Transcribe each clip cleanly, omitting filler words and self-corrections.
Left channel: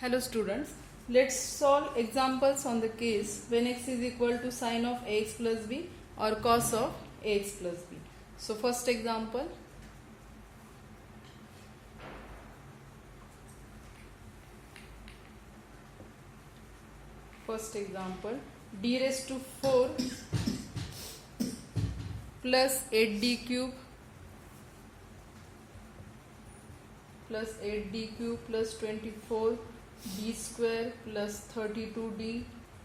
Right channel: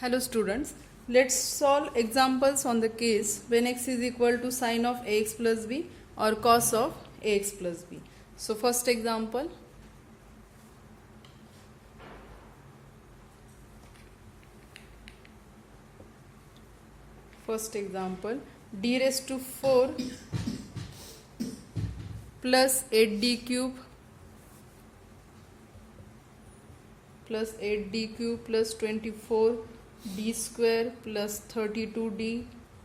Hello students, let's solve examples on the case when x is equal to sine of ax plus b or cos of ax plus b. So first example, d raised to 4 plus 8d cube plus 24d square plus 32d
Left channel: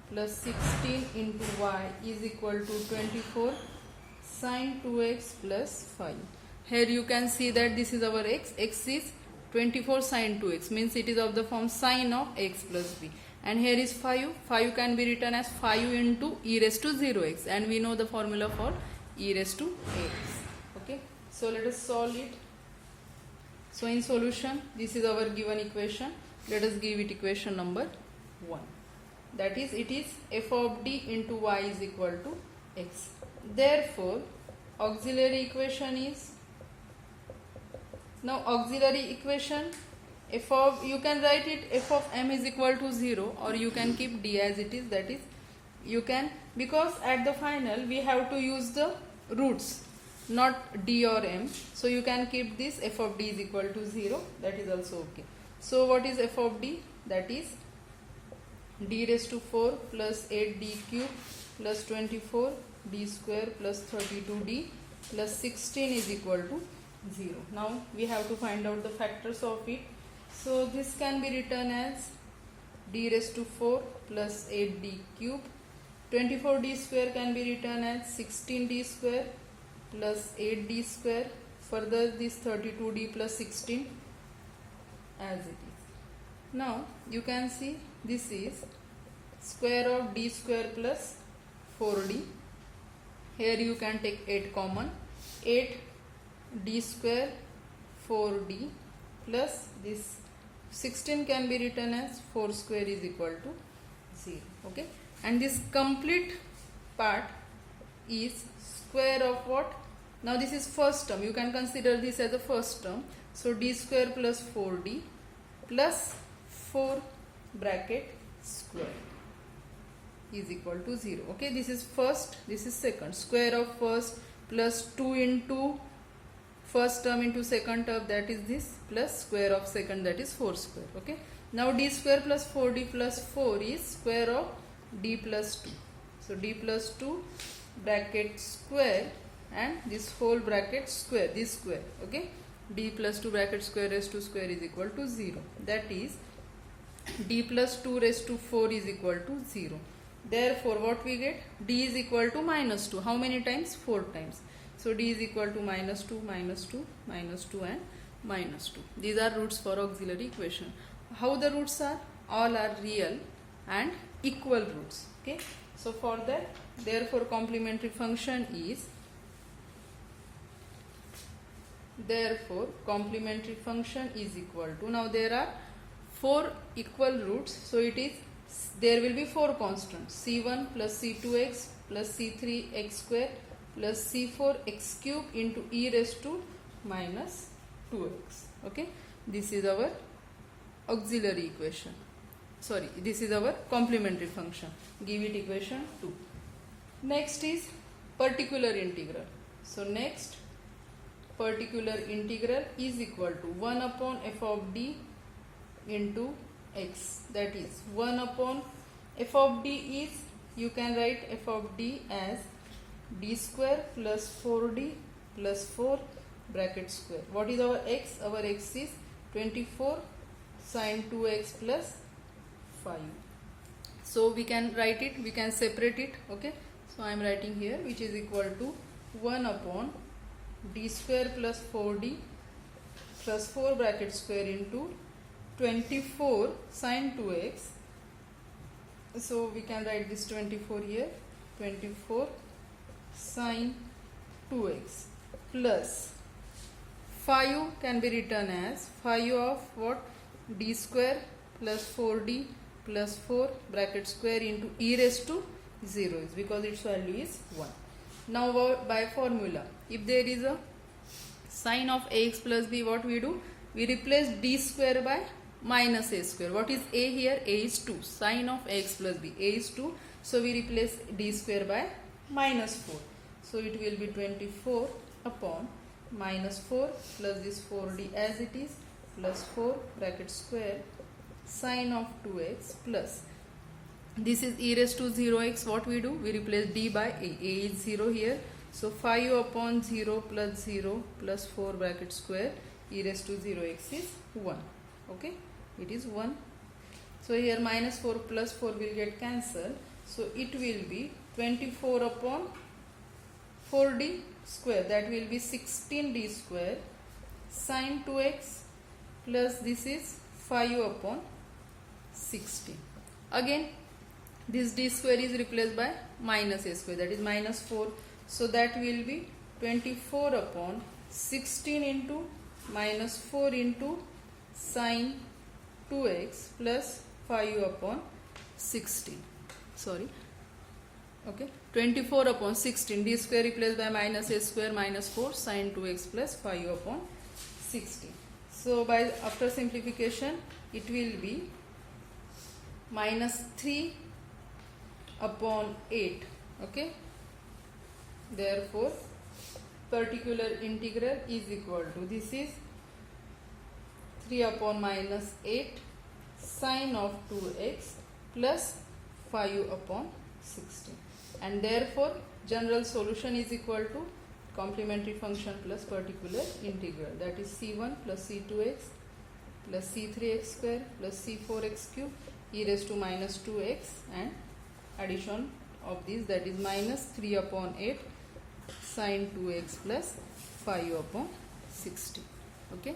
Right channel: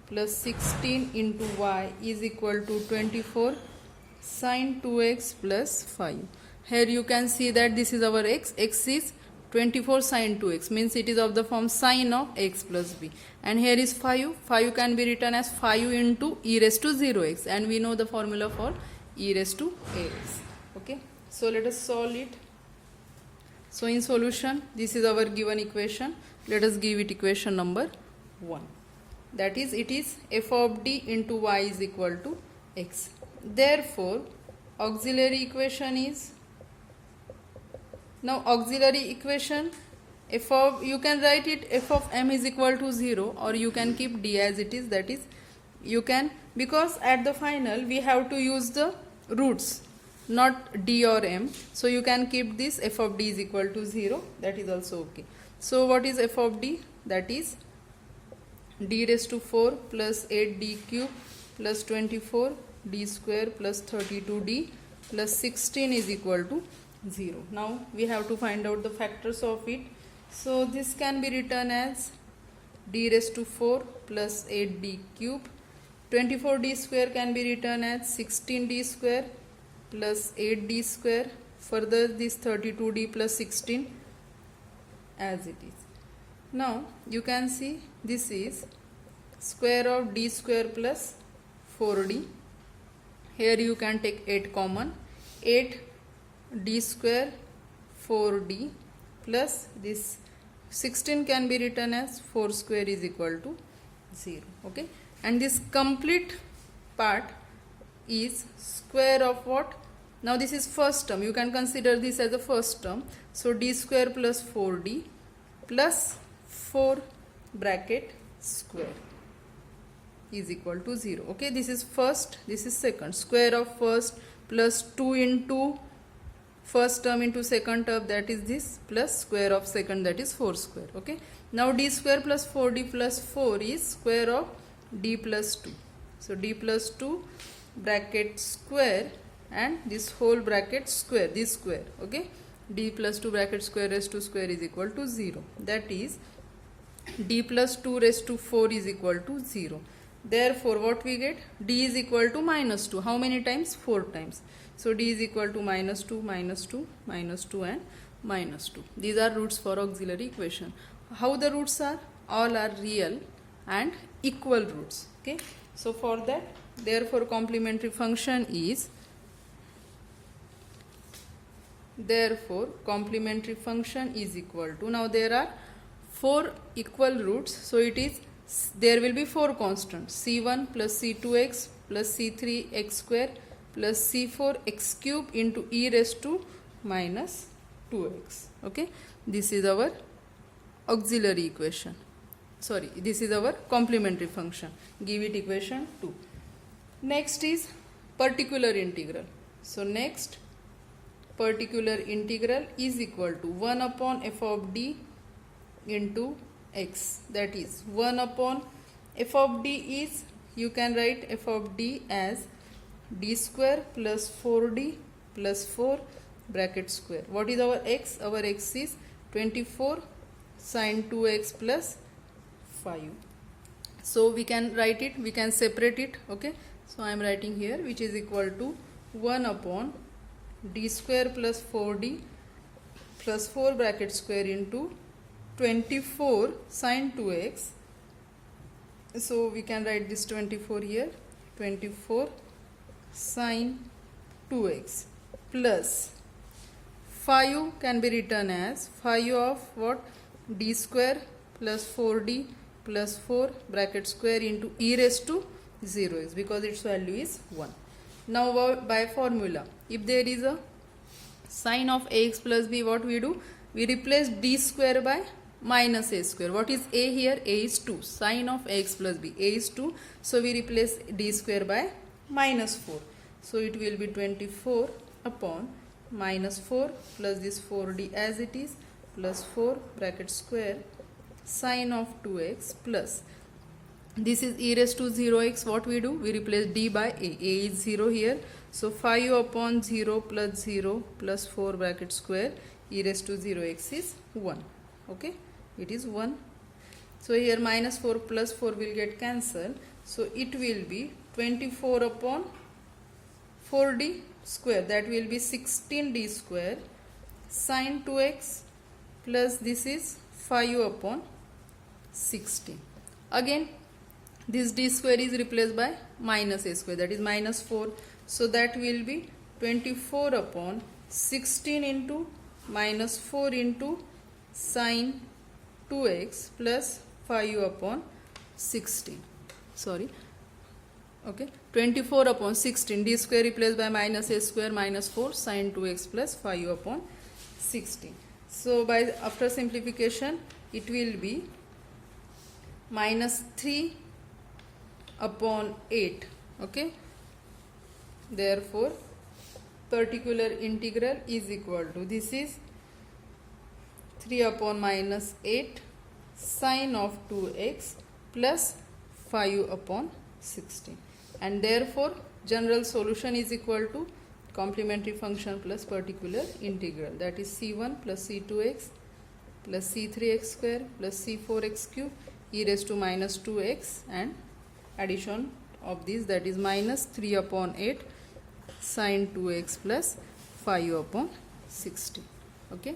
plus 16 into y is equal to 24 sine 2x plus 5. Here you can see that this is our x is 24 sine 2x, means it is of the form sine of x plus b, and here is 5 can be written as 5 into e raised to 0x, and we know the formula for e raised to ax. Okay, so let us solve it. So in solution, this is our given equation. Let us give it equation number 1. That is, it is f of d into y is equal to x. Therefore, auxiliary equation is, now auxiliary equation, you can write it f of m is equal to 0, or you can keep d as it is, that is, you can, because at the final we have to use the roots, not d or m, so you can keep this f of d is equal to 0, that is also okay. So what is f of d? That is d raised to 4 plus 8d cube plus 24d square plus 32d plus 16 is equal to 0. Now we have to find out the factors of it. So this can be written as d raised to 4 plus 8d cube, 24d square can be written as 16d square plus 8d square, further this 32d plus 16 as it is. Now you can see this is square of d square plus 4d. Here you can take 8 common, 8d square 4d plus this 16 can be written as 4 square is equal to 0. Okay, and this complete part is square of what? Now this is first term, you can consider this as a first term. So d square plus 4d plus 4 bracket square is equal to 0. Okay, this is first, this is second. Square of first plus 2 into first term into second term, that is this, plus square of second, that is 4 square. Okay, now d square plus 4d plus 4 is square of d plus 2. So d plus 2 bracket square and this whole bracket square, this square. Okay, d plus 2 bracket square raised to square is equal to 0. That is d plus 2 raised to 4 is equal to 0. Therefore what we get? D is equal to minus 2. How many times? 4 times. So d is equal to minus 2, minus 2, minus 2 and minus 2. These are roots for auxiliary equation. How the roots are? All are real and equal roots. Okay, so for that, therefore complementary function is, equal to, now there are 4 equal roots, so it is, there will be 4 constants, c1 plus c2x plus c3x square plus c4 x cube into e raised to minus 2x. Okay, this is our auxiliary equation, sorry, this is our complementary function. Give it equation 2. Next is particular integral. So next, particular integral is equal to 1 upon f of d into x, that is 1 upon f of d is, you can write f of d as d square plus 4d plus 4 bracket square. What is our x? Our x is 24 sine 2x plus 5. So we can write it, we can separate it. Okay, so I am writing here, which is equal to 1 upon d square plus 4d plus 4 bracket square into 24 sine 2x. So we can write this 24 here, 24 sine 2x plus 5 can be written as 5 of what? D square plus 4d plus 4 bracket square into e raised to 0 is, because its value is 1. Now by formula, if there is a sine of ax plus b, what we do? We replace d square by minus a square. What is a here? A is 2. Sine of ax plus b. A is 2. So we replace d square by minus 4. So it will be 24 upon minus 4 plus this 4d as it is plus 4 bracket square sine of 2x plus this is e raised to 0x. What we do? We replace d by a. A is 0 here. So 5 upon 0 plus 0 plus 4 bracket square e raised to 0x is 1. Okay, it is 1. So here minus 4 plus 4 will get cancelled. So it will be 24 upon 4d square, that will be 16d square sine 2x plus this is 5 upon 16. Again this d square is replaced by minus a square, that is minus 4. So that will be 24 upon 16 into minus 4 into sine 2x plus 5 upon 16. Sorry. Okay, 24 upon 16, d square replaced by minus a square minus 4 sine 2x plus 5 upon 16. So by after simplification it will be minus 3 upon 8. Okay, therefore particular integral is equal to, this is 3 upon minus 8 sine of 2x plus 5 upon 16, and therefore general solution is equal to complementary function plus particular integral, that is c1 plus c2x plus c3x square plus c4x cube e raised to minus 2x and addition of this, that is minus 3 upon 8 sine 2x plus 5 upon 16. Okay,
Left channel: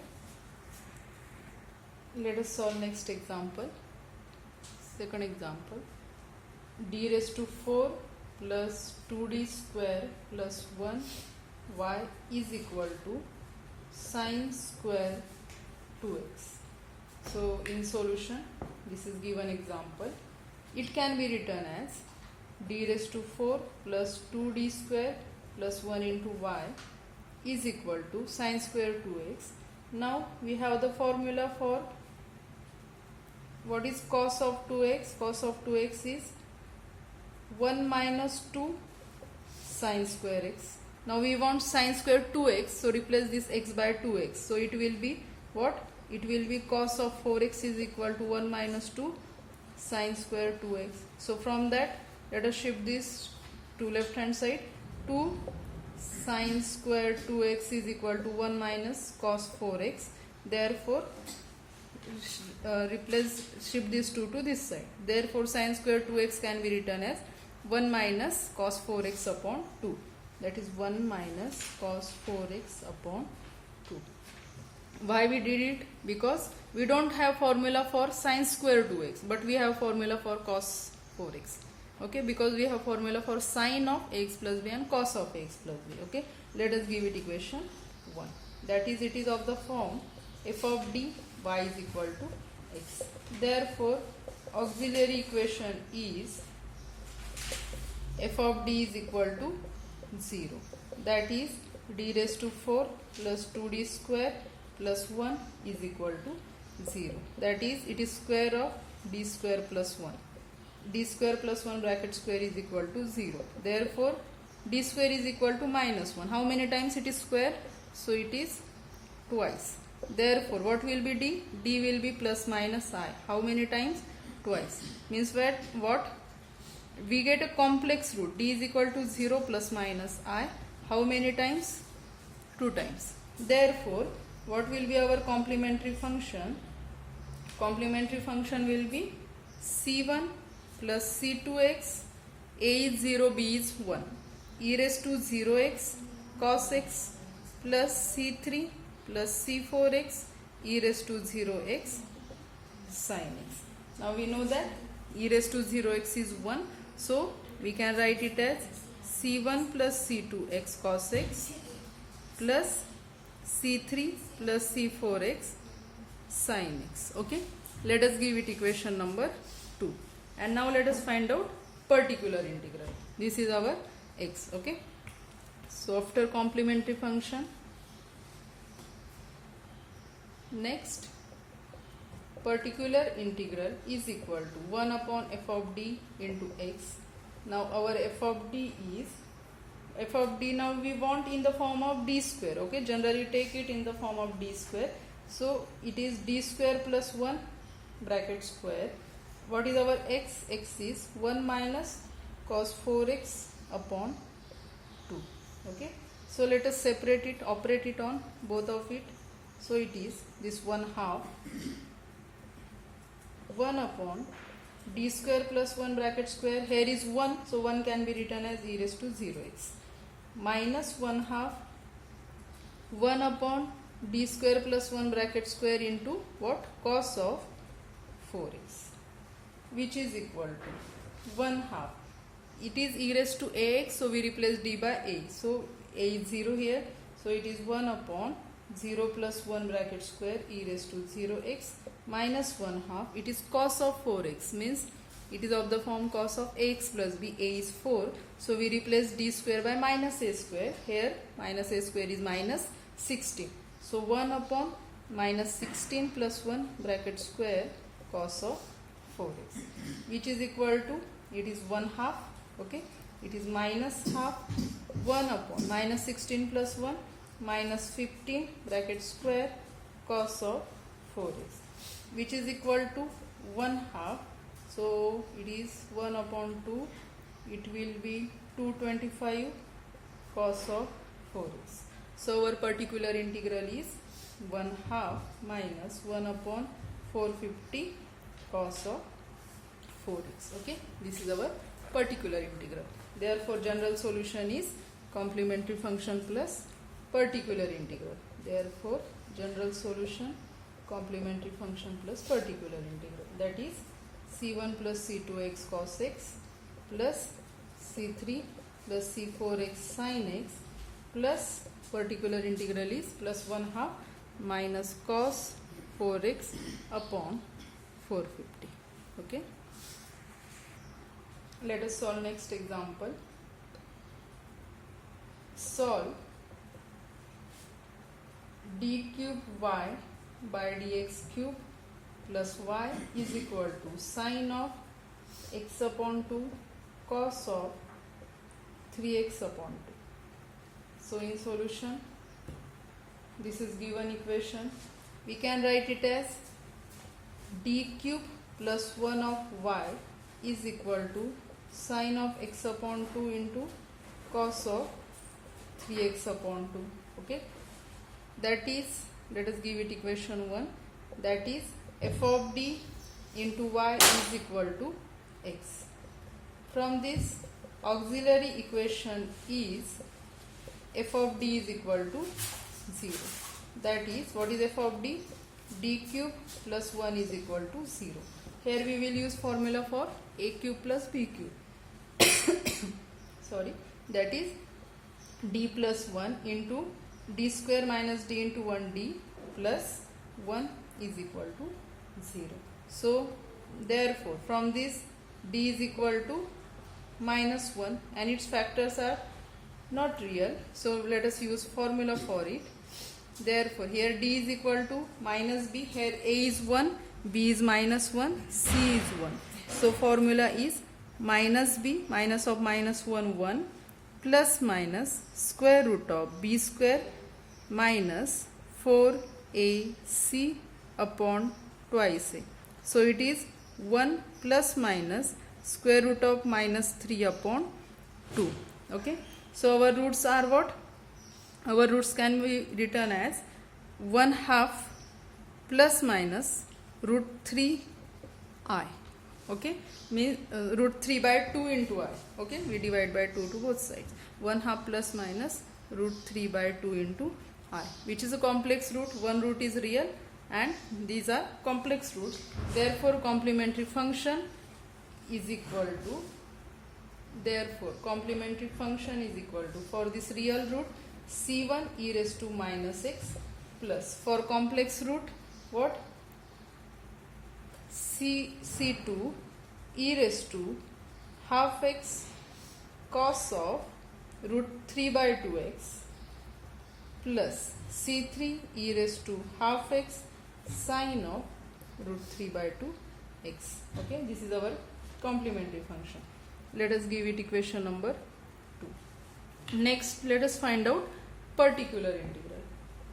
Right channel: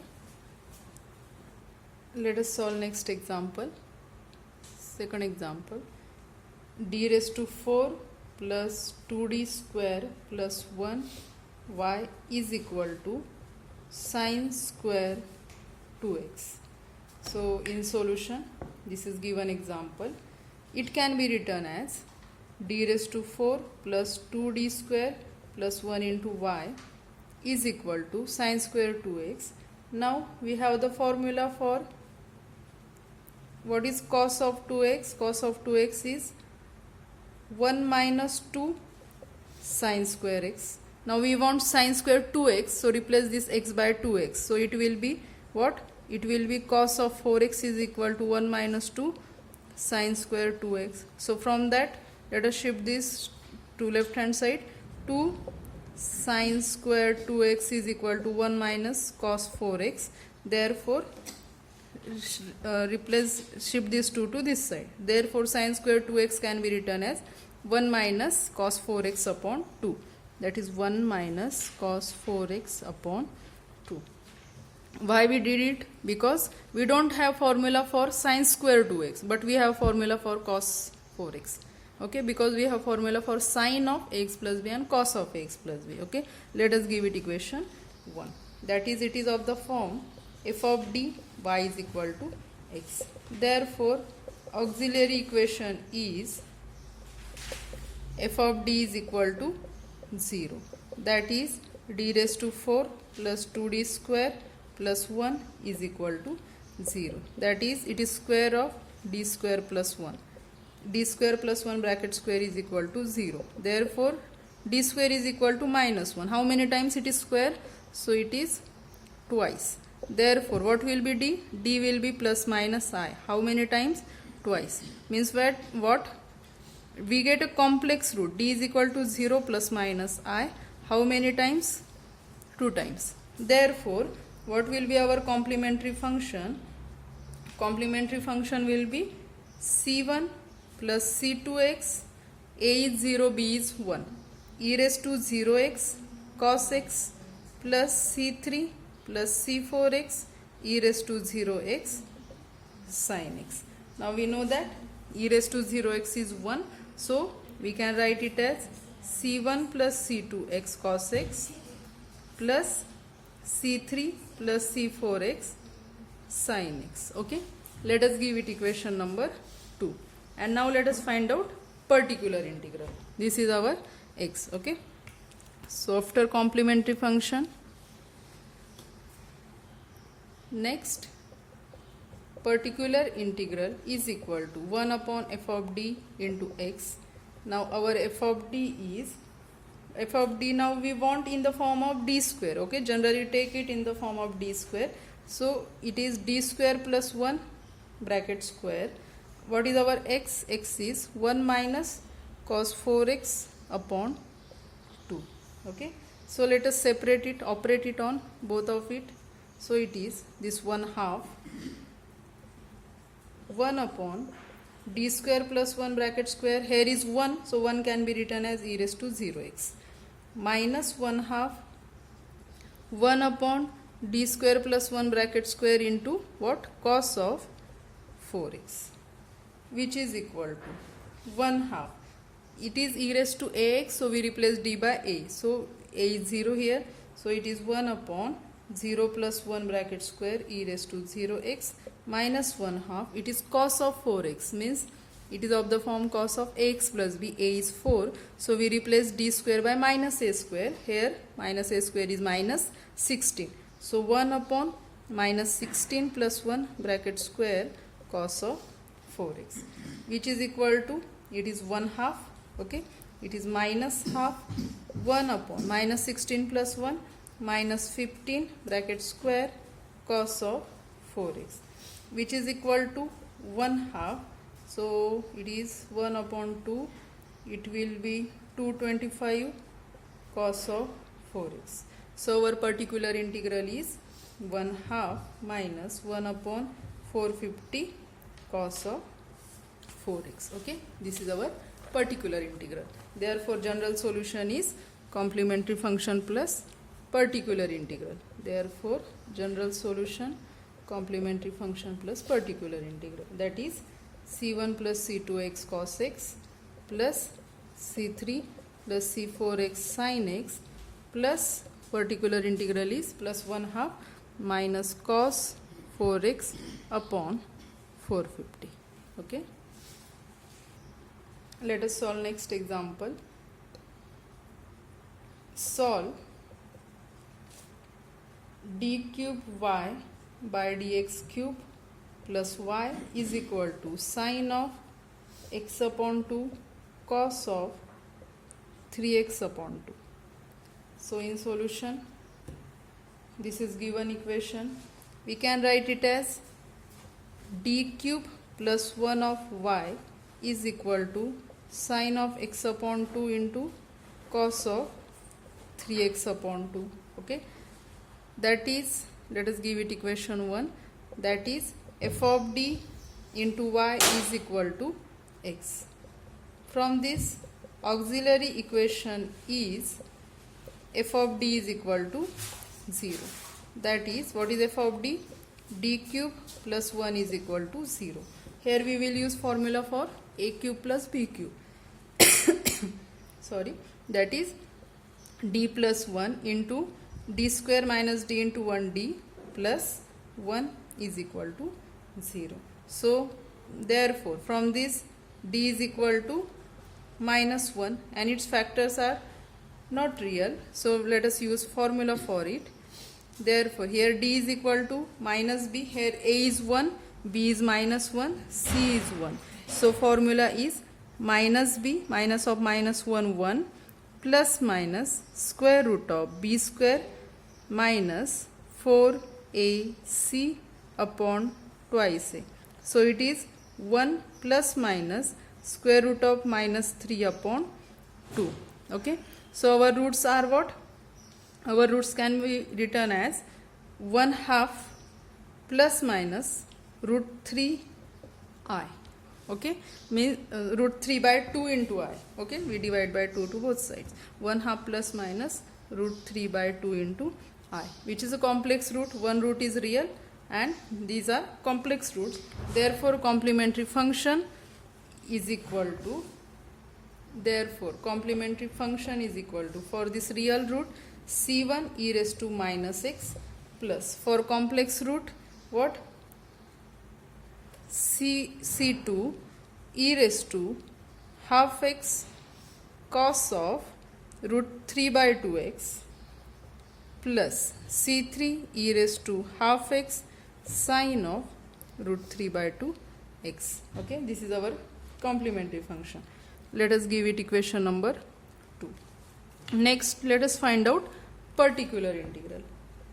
let us solve next example. Second example, d raised to 4 plus 2d square plus 1y is equal to sine square 2x. So in solution, this is given example. It can be written as d raised to 4 plus 2d square plus 1 into y is equal to sine square 2x. Now we have the formula for what is cos of 2x. Cos of 2x is 1 minus 2 sine square x. Now we want sine square 2x, so replace this x by 2x. So it will be what? It will be cos of 4x is equal to 1 minus 2 sine square 2x. So from that, let us shift this to left hand side. 2 sine square 2x is equal to 1 minus cos 4x. Therefore shift this 2 to this side. Therefore sine square 2x can be written as 1 minus cos 4x upon 2. That is 1 minus cos 4x upon 2. Why we did it? Because we don't have formula for sine square 2x, but we have formula for cos 4x. Okay, because we have formula for sine of ax plus b and cos of ax plus b. Okay, let us give it equation 1. That is, it is of the form f of d y is equal to x. Therefore auxiliary equation is f of d is equal to 0. That is d raised to 4 plus 2d square plus 1 is equal to 0. That is, it is square of d square plus 1. D square plus 1 bracket square is equal to 0. Therefore d square is equal to minus 1. How many times it is square? So it is twice. Therefore what will be d? D will be plus minus I. How many times? Twice. Means what? We get a complex root. D is equal to 0 plus minus I. How many times? 2 times. Therefore what will be our complementary function? Complementary function will be c1 plus c2x, a is 0, b is 1, e raised to 0x cos x plus c3 plus c4x, e raised to 0x sin x. Now we know that e raised to 0x is 1, so we can write it as c1 plus c2x cos x plus c3 plus c4x sin x. Okay, let us give it equation number 2. And now let us find out particular integral. This is our x. Okay, so after complementary function, next particular integral is equal to 1 upon f of d into x. Now our f of d is, f of d now we want in the form of d square. Okay, generally take it in the form of d square. So it is d square plus 1 bracket square. What is our x? X is 1 minus cos 4x upon 2. Okay, so let us separate it, operate it on both of it. So it is this 1/2 1 upon d square plus 1 bracket square. Here is 1, so 1 can be written as e raised to 0x minus 1/2 1 upon d square plus 1 bracket square into what? Cos of 4x, which is equal to 1/2. It is e raised to ax, so we replace d by a. So a is 0 here, so it is 1 upon 0 plus 1 bracket square e raised to 0x minus 1/2. It is cos of 4x, means it is of the form cos of ax plus b. A is 4, so we replace d square by minus a square. Here minus a square is minus 16. So 1 upon minus 16 plus 1 bracket square cos of 4x, which is equal to, it is 1/2. Okay, it is minus half 1 upon minus 16 plus 1 minus 15 bracket square cos of 4x, which is equal to 1/2. So it is 1 upon 2, it will be 225 cos of 4x. So our particular integral is 1/2 minus 1 upon 450 cos of 4x. Okay, this is our particular integral. Therefore general solution is complementary function plus particular integral. Therefore general solution complementary function plus particular integral, that is c1 plus c2x cos x plus c3 plus c4x sin x plus particular integral is plus 1/2 minus cos 4x upon 450. Okay, let us solve next example. Solve d cube y by dx cube plus y is equal to sin of x upon 2 cos of 3x upon 2. So in solution, this is given equation. We can write it as d cube plus 1 of y is equal to sin of x upon 2 into cos of 3x upon 2. Okay, that is, let us give it equation 1, that is f of d into y is equal to x. From this auxiliary equation is f of d is equal to 0. That is, what is f of d? D cube plus 1 is equal to 0. Here we will use formula for a cube plus b cube. Sorry, that is d plus 1 into d square minus d into 1d plus 1 is equal to 0. So therefore from this d is equal to minus 1 and its factors are not real, so let us use formula for it. Therefore here d is equal to minus b, here a is 1, b is minus 1, c is 1. So formula is minus b, minus of minus 1 1 plus minus square root of b square minus 4ac upon twice a. So it is 1 plus minus square root of minus 3 upon 2. Okay, so our roots are what? Our roots can be written as 1/2 plus minus root 3 I. Okay, means root 3 by 2 into I. Okay, we divide by 2 to both sides. 1/2 plus minus root 3 by 2 into I, which is a complex root. One root is real and these are complex roots. Therefore complementary function is equal to, for this real root c1 e raised to minus x plus, for complex root what? c2 e raised to half x cos of root 3 by 2x plus c3 e raised to half x sin of root 3 by 2 x. Okay, this is our complementary function. Let us give it equation number 2. Next, let us find out particular integral.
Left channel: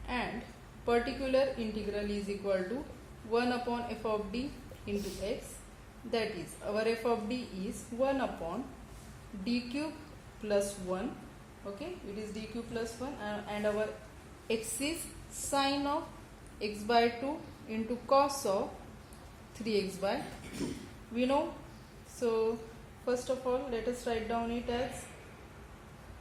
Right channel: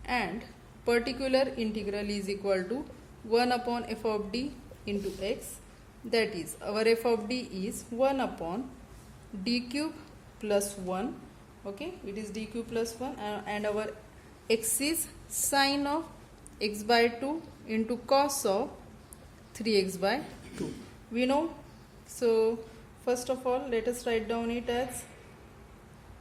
And particular integral is equal to 1 upon f of d into x. That is, our f of d is 1 upon d cube plus 1. Okay, it is d cube plus 1, and our x is sine of x by 2 into cos of 3x by 2. We know. So first of all, let us write down it as,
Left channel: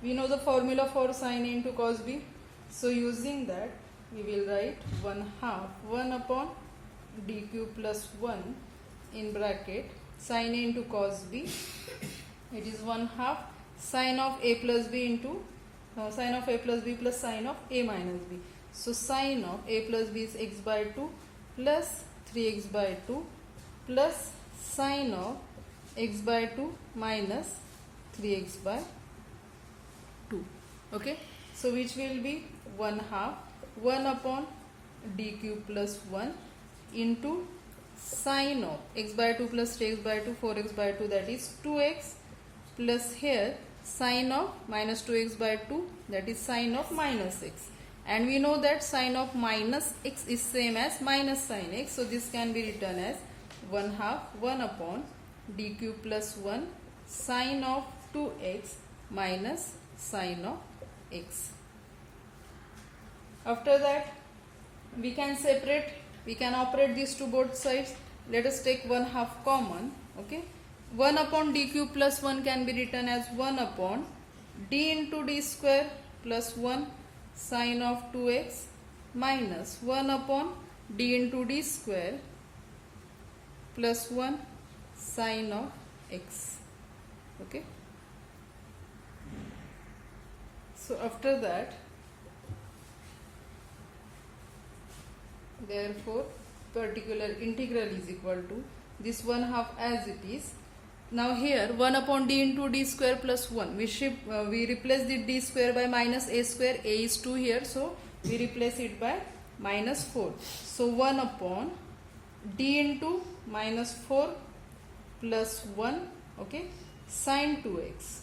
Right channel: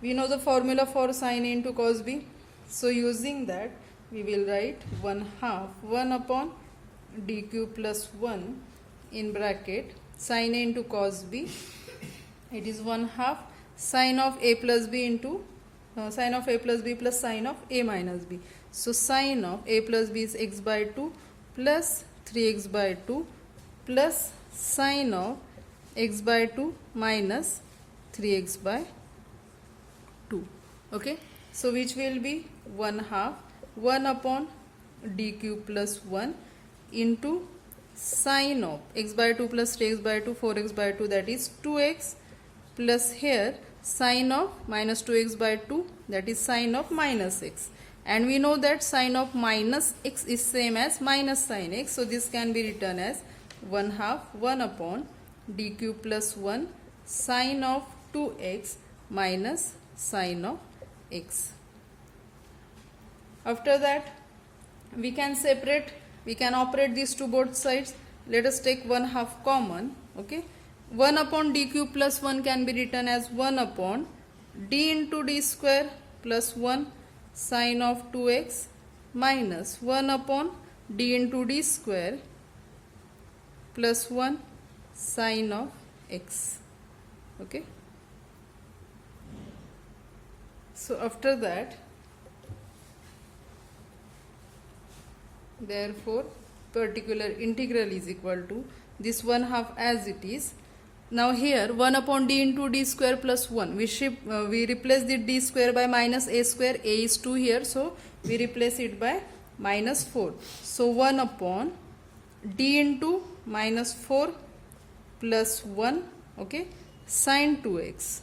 we know the formula for sine A into cos b. So using that, we will write 1 upon d cube plus 1 in bracket sine A into cos b. It is 1/2 sine of a plus b into sine of a plus b plus sine of a minus b. So sine of a plus b is x by 2 plus 3x by 2 plus sine of x by 2 minus 3x by 2. Okay, so which will be 1/2 1 upon d cube plus 1 into sine of x by 2 plus 3x by 2 4x by 2, that is 2x, plus here sine of minus 2x by 2, that is sine of minus x. And we know that sine of minus x is same as minus sine x. So this can be written as 1/2 1 upon d cube plus 1 sine of 2x minus sine of x. After that, we can operate these to both sides. Let us take 1/2 common. Okay, 1 upon d cube plus 1 can be written as 1 upon d into d square plus 1 sine of 2x minus 1 upon d into d square plus 1 sine of x. Okay, so after that, therefore particular integral is equal to this 1/2 as it is. Now here 1 upon d into d square plus 1, we replace the d square by minus a square. A is 2 here, so we replace it by minus 4. So 1 upon d into minus 4 plus 1, okay, sine 2x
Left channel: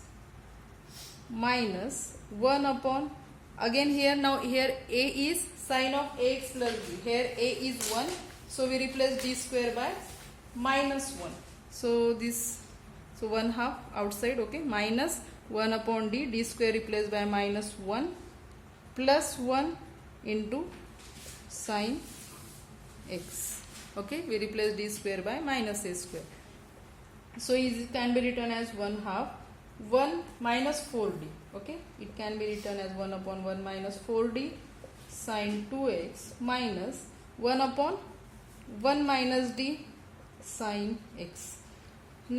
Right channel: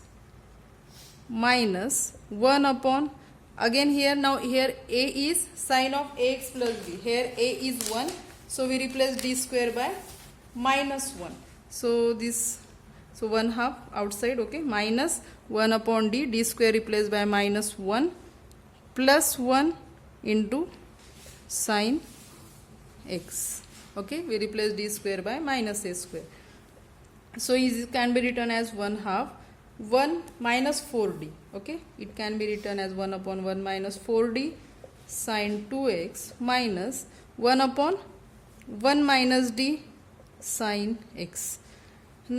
minus 1 upon, again here, now here a is sine of ax plus b, here a is 1, so we replace d square by minus 1. So this, so 1/2 outside, okay, minus 1 upon d square replaced by minus 1 plus 1 into sine x. Okay, we replace d square by minus a square. So it can be written as 1/2 1 minus 4d. Okay, it can be written as 1 upon 1 minus 4d sine 2x minus 1 upon 1 minus d sine x.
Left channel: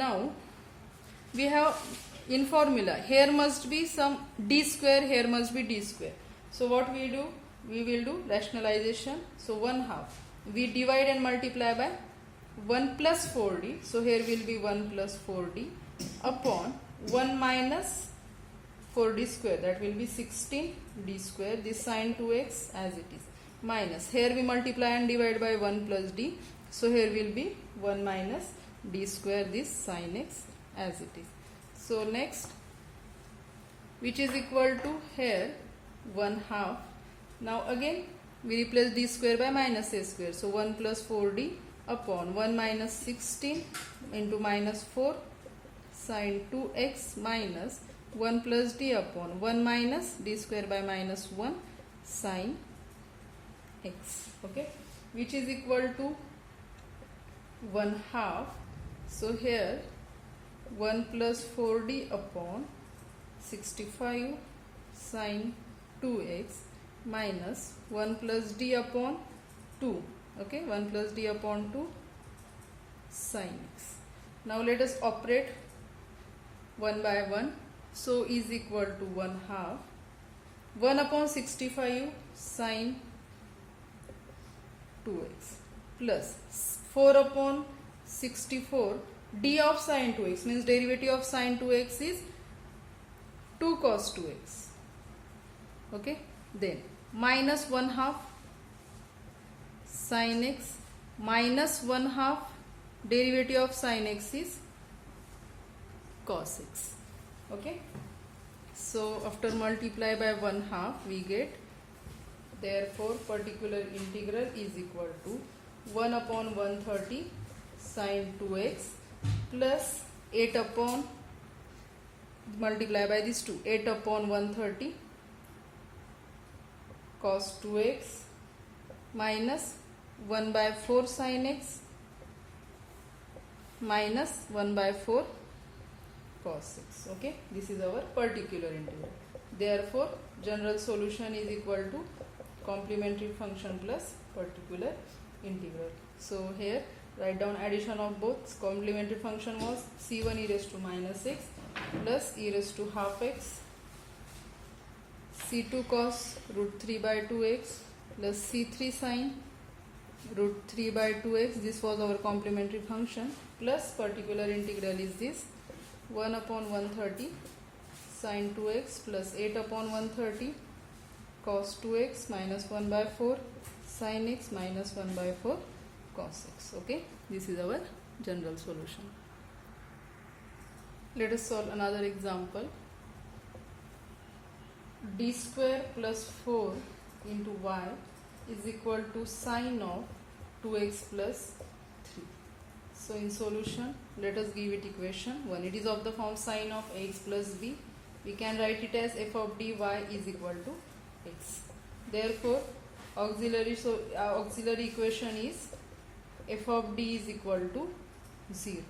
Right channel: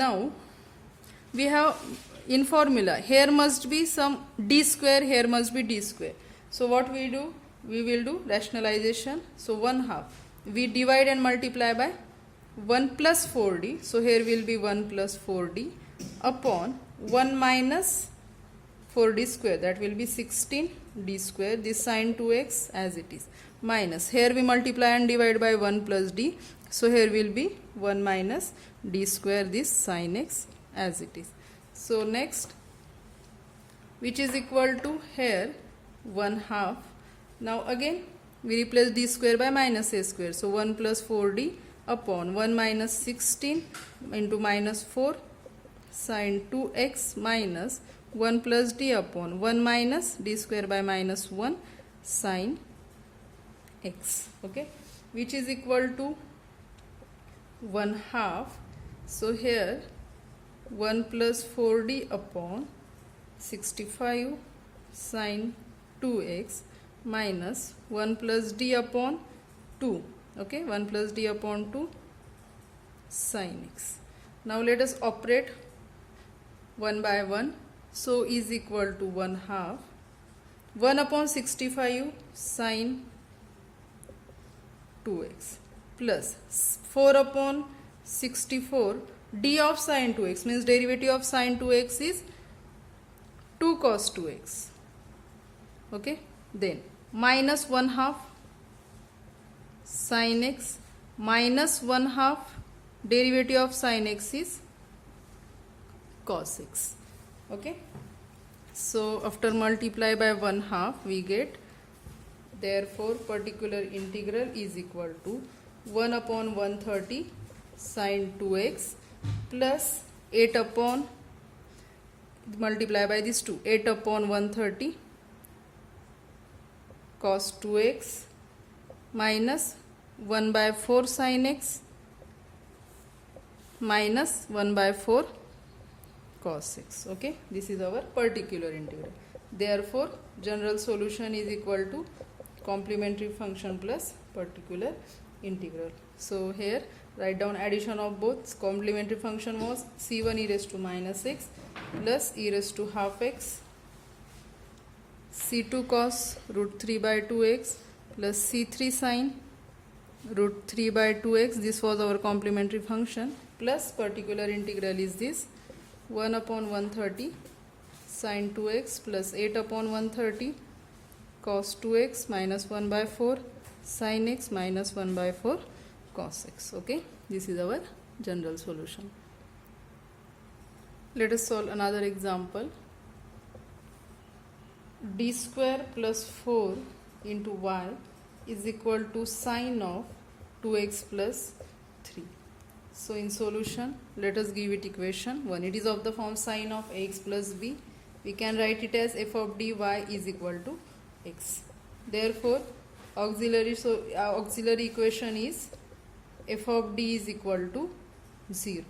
Now we have in formula, here must be some d square, here must be d square. So what we do? We will do rationalization. So 1/2 we divide and multiply by 1 plus 4d. So here will be 1 plus 4d upon 1 minus 4d square, that will be 16d square, this sine 2x as it is, minus here we multiply and divide by 1 plus d. So here will be 1 minus d square, this sine x as it is. So next, which is equal to here 1/2. Now again we replace d square by minus a square. So 1 plus 4d upon 1 minus 16 into minus 4 sine 2x minus 1 plus d upon 1 minus d square by minus 1 sine x. Okay, which is equal to 1/2. So here 1 plus 4d upon 65 sine 2x minus 1 plus d upon 2. Okay, 1 plus d upon 2 sine x. Now let us operate one by one. So is equal to 1/2 1 upon 65 sine 2x plus 4 upon 64 d of sine 2x, means derivative of sine 2x is 2 cos 2x. Okay, then minus 1/2 sine x minus 1/2 derivative of sin x is cos x. Okay, so after multiply by 1/2 we get, therefore particular integral is equal to 1 upon 130 sin 2x plus 8 upon, multiply by this 2, 8 upon 130 cos 2x minus 1 by 4 sin x minus 1 by 4 cos x. Okay, this is our particular integral. Therefore general solution is equal to complementary function plus particular integral. So here write down addition of both. Complementary function was c1 e raised to minus x plus e raised to half x, c2 cos root 3 by 2x plus c3 sin root 3 by 2x. This was our complementary function, plus particular integral is this 1 upon 130 sin 2x plus 8 upon 130 cos 2x minus 1 by 4 sin x minus 1 by 4 cos x. Okay, this is our general solution. Let us solve another example. D square plus 4 into y is equal to sine of 2x plus 3. So in solution, let us give it equation 1. It is of the form sine of ax plus b. We can write it as f of dy is equal to x. Therefore auxiliary equation is f of d is equal to 0.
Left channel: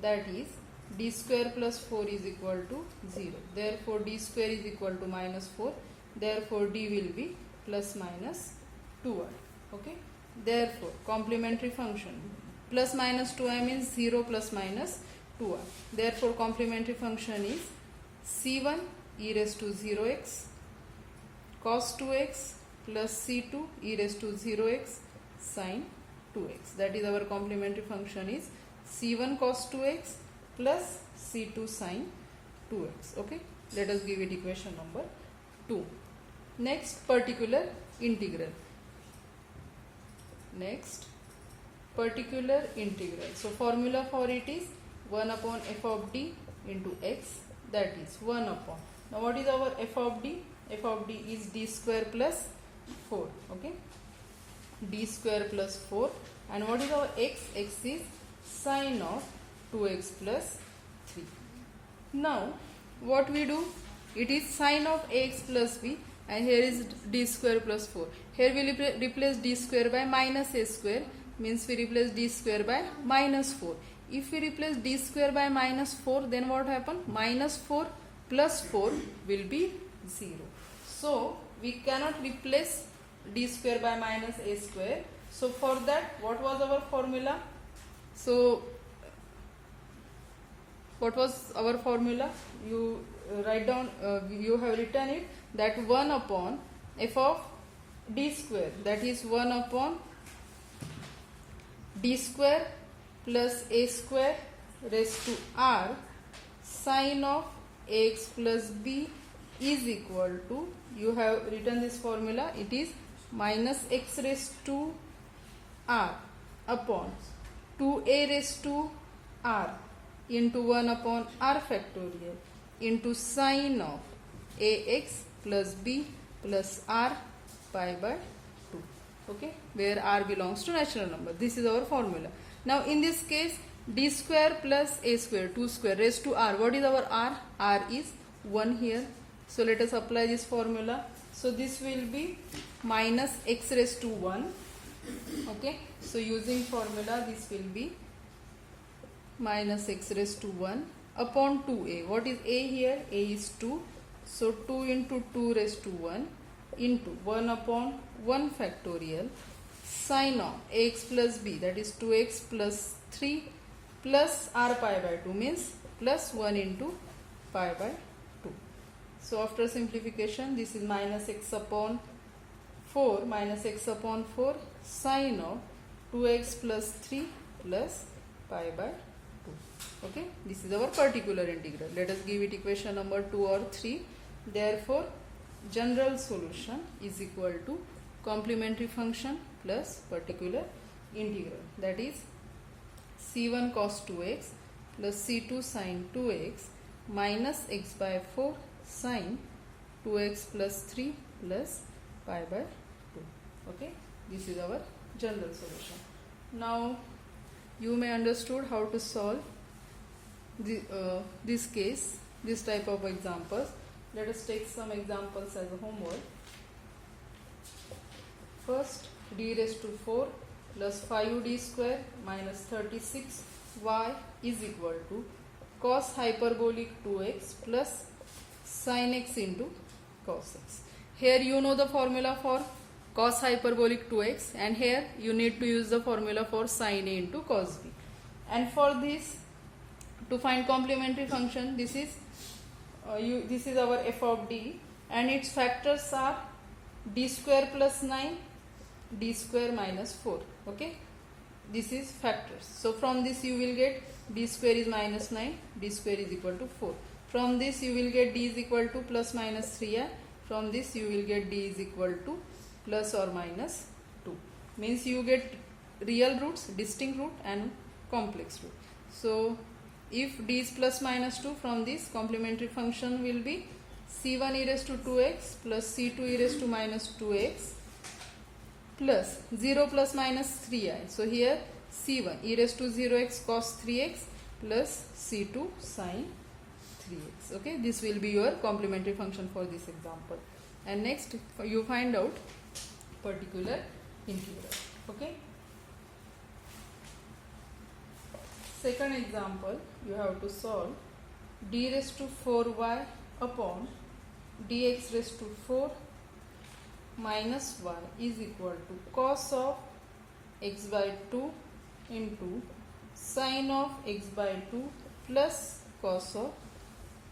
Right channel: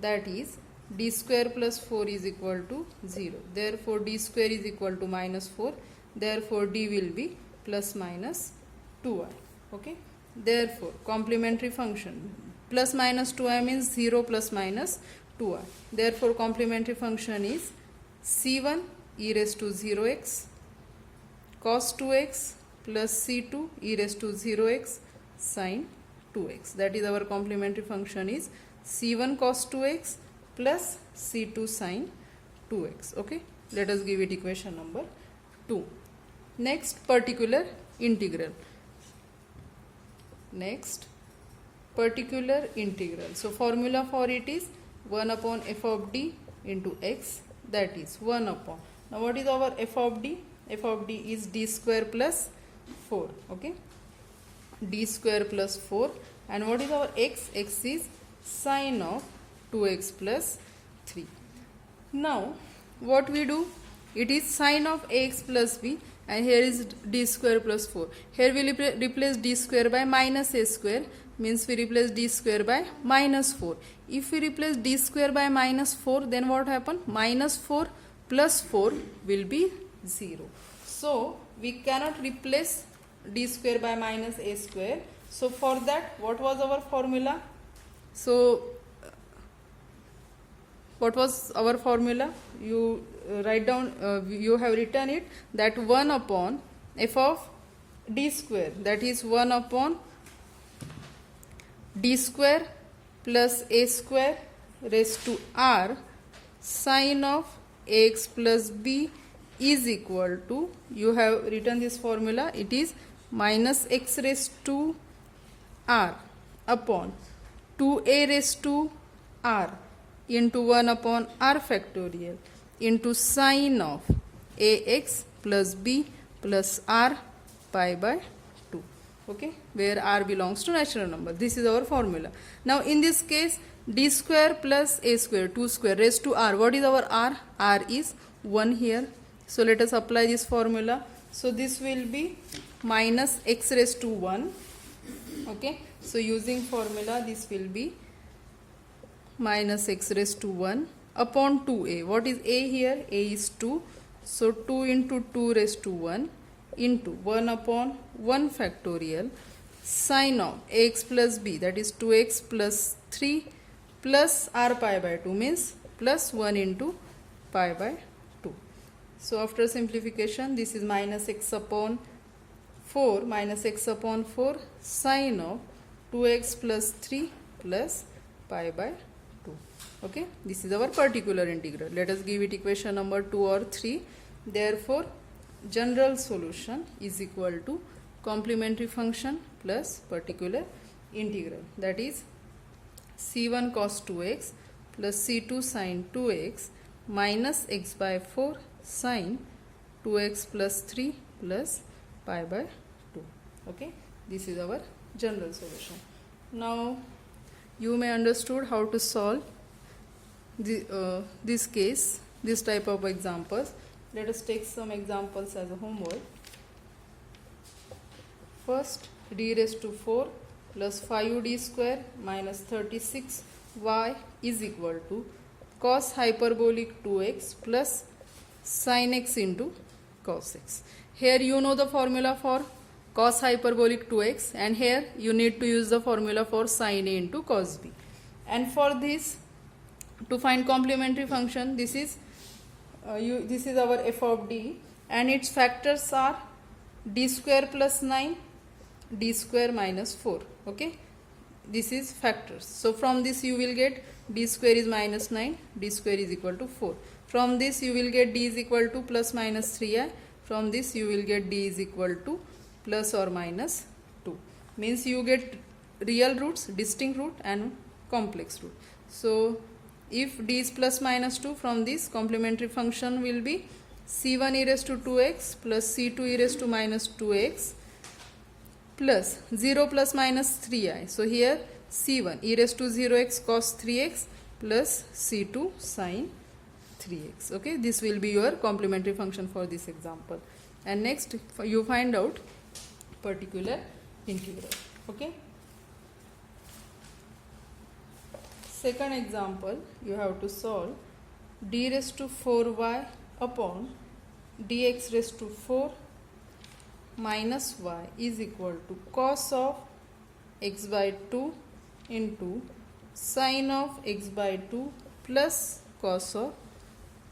That is d square plus 4 is equal to 0. Therefore d square is equal to minus 4. Therefore d will be plus minus 2i. Okay, therefore complementary function plus minus 2i means 0 plus minus 2i. Therefore complementary function is c1 e raised to 0x cos 2x plus c2 e raised to 0x sin 2x. That is our complementary function is c1 cos 2x plus c2 sin 2x. Okay, let us give it equation number 2. Next, particular integral. Next, particular integral. So formula for it is 1 upon f of d into x, that is 1 upon. Now what is our f of d? F of d is d square plus 4. Okay, d square plus 4. And what is our x? X is sine of 2x plus 3. Now what we do? It is sine of ax plus b, and here is d square plus 4. Here we replace d square by minus a square, means we replace d square by minus 4. If we replace d square by minus 4, then what happen? Minus 4 plus 4 will be 0. So we cannot replace d square by minus a square. So for that, what was our formula? So what was our formula? You write down, you have written it, that 1 upon f of d square, that is 1 upon d square plus a square raised to r sine of ax plus b is equal to, you have written this formula, it is minus x raised to r upon 2a raised to r into 1 upon r factorial into sine of ax plus b plus r pi by 2. Okay, where r belongs to natural number. This is our formula. Now in this case, d square plus a square, 2 square raised to r. What is our r? R is 1 here. So let us apply this formula. So this will be minus x raised to 1. Okay, so using formula, this will be minus x raised to 1 upon 2a. What is a here? A is 2. So 2 into 2 raised to 1 into 1 upon 1 factorial sine of ax plus b, that is 2x plus 3 plus r pi by 2, means plus 1 into pi by 2. So after simplification, this is minus x upon 4 sine of 2x plus 3 plus pi by 2. Okay, this is our particular integral. Let us give it equation number 2 or 3. Therefore general solution is equal to complementary function plus particular integral, that is c1 cos 2x plus c2 sin 2x minus x by 4 sin 2x plus 3 plus pi by 2. Okay, this is our general solution. Now you may understood how to solve this case, this type of examples. Let us take some examples as a homework. First, d raised to 4 plus 5d square minus 36y is equal to cos hyperbolic 2x plus sin x into cos x. Here you know the formula for cos hyperbolic 2x, and here you need to use the formula for sin a into cos b. And for this, to find complementary function, this is our f of d, and its factors are d square plus 9, d square minus 4. Okay, this is factors. So from this you will get d square is minus 9, d square is equal to 4. From this you will get d is equal to plus minus 3i. From this you will get d is equal to plus or minus 2. Means you get real roots, distinct root and complex root. So if d is plus minus 2, from this complementary function will be c1 e raised to 2x plus c2 e raised to minus 2x plus 0 plus minus 3i. So here c1 e raised to 0x cos 3x plus c2 sin 3x. Okay, this will be your complementary function for this example. And next you find out particular integral. Okay, second example, you have to solve d raised to 4y upon dx raised to 4 minus y is equal to cos of x by 2 into sin of x by 2 plus cos of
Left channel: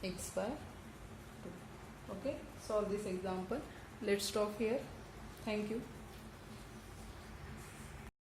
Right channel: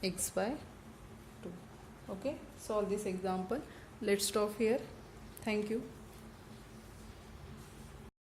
x by 2. Okay, solve this example. Let's stop here. Thank you.